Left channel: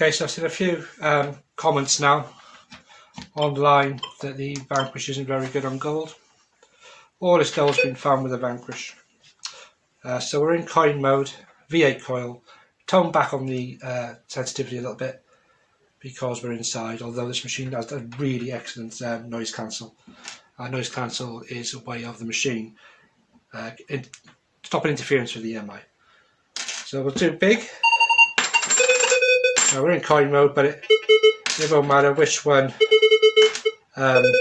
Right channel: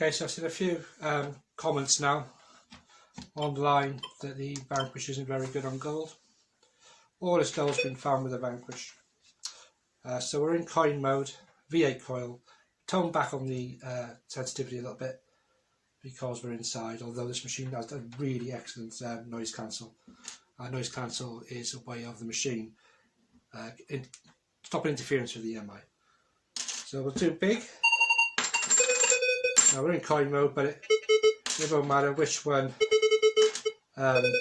Okay, so I've seen a few comments now online that the Vanquish isn't very good on gold. All this gold's been found with the Vanquish. So we're in coin mode, V8 coil, tone back on the sensitivity a little bit because we're inside, although this machine has a really excellent noise cancel. Noise cancel is a way of the machine stopping interference with the EMI. So we'll do big. Now we're in coin mode, but it won't matter which one. It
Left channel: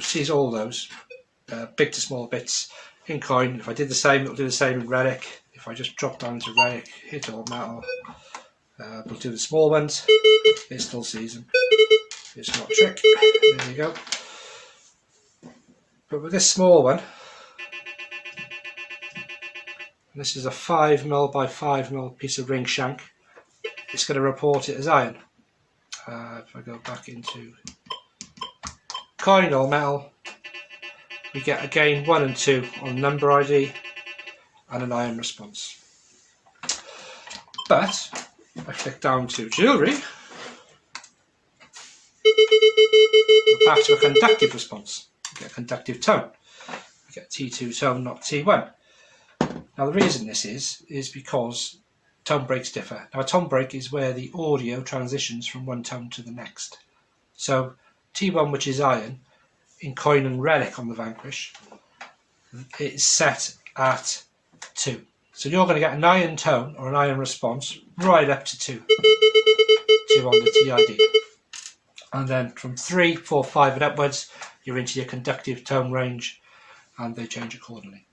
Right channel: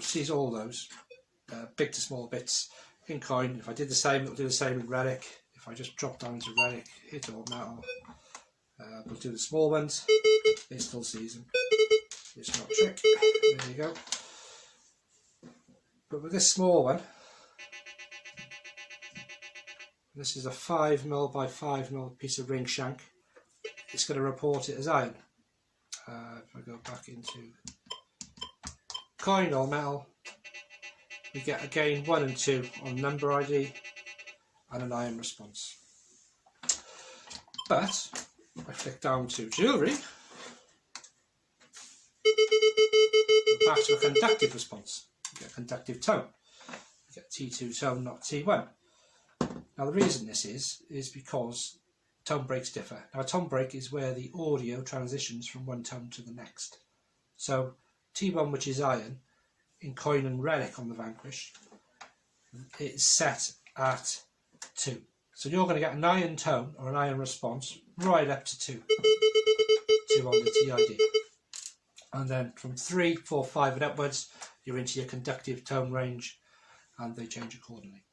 sees all those big to small bits in coin. If I did the same, it'll do the same in relic. If I just drop down to relic, hit all metal, we'll do the small ones. It still sees them. It's not a trick. There you go. But with this small one, this is a 5mm by 5mm piece of ring shank, it's going to report it as iron. If I go back into coin or metal, we get again 1 and 2 on number ID and an iron response. But if I click down to jewellery, we're back to a conductive response. We get a conductive tone. We get T2 tone, not T1. Now the reason this is because tone breaks differ. Now a tone break is where the audio transitions from one tone to the next. So T1, which is iron, in coin and relic on the Vanquish, it is set at 2. So you're going to get an iron tone or an iron response right up to 2. 2 on the TID. And then from 3, 4, 5 and upwards, you're into your conductive tone range and they change accordingly.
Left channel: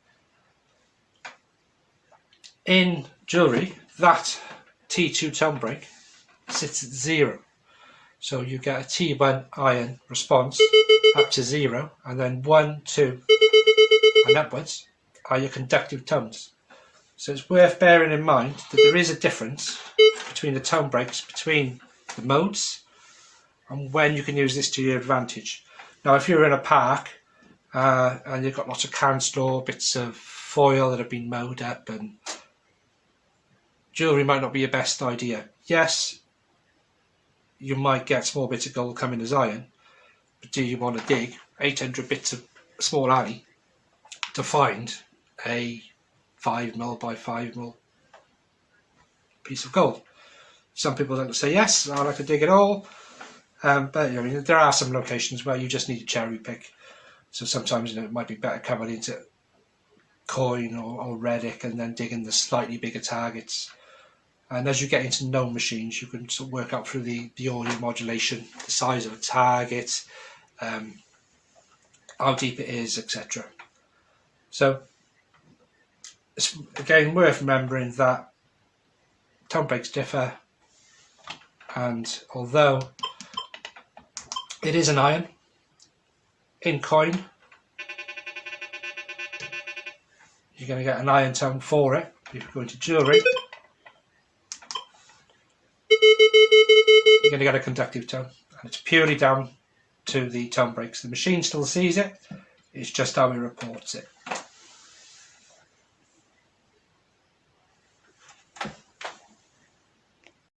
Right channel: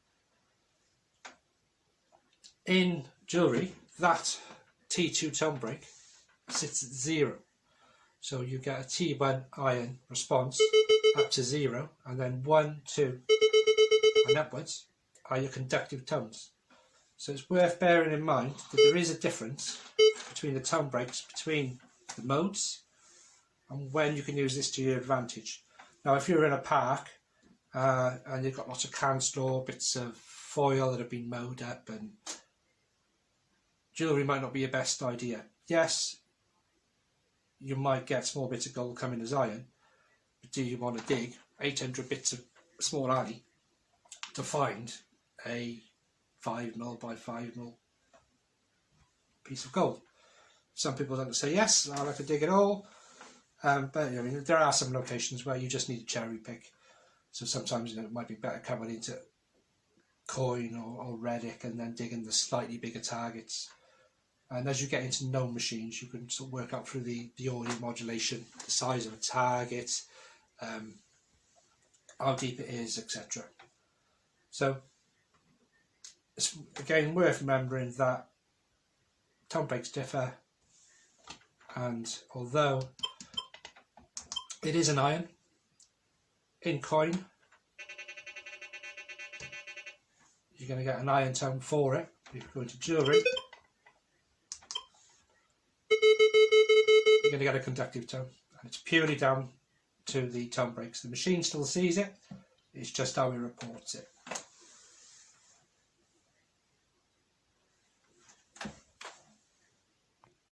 In jewellery, that T2 tone break sits at 0. So you get a T1 iron response up to 0, and then 1, 2 and upwards are your conductive tones. So it's worth bearing in mind that there is a difference between the tone breaks between the modes and when you can use this to your advantage. Now if you're in a park and you've got lots of can store, bits of foil that have been mowed up, and jewellery might not be your best idea. Yes, you might get small bits of gold coming as iron, but do you want to dig 800 bits of small alley to find a 5mm by 5mm piece of gold? Some people don't say yes, I like to dig it all, but I mean, there are some locations where you just need to cherry pick. So sometimes it might be better covered into coin or relic and then digging the slightly bigger targets. And as you get into known machines, you can sort of work out through the audio modulation, the size of a target, how deep it is, etc. So it's again worth remembering that tone breaks differ, and although it is an iron, in coin you're going to get an iron tone for it. If you go into jewellery, you're going to get a conductive tone, and it's purely down to the tone breaks. The machine still sees it, it's just how it reports it.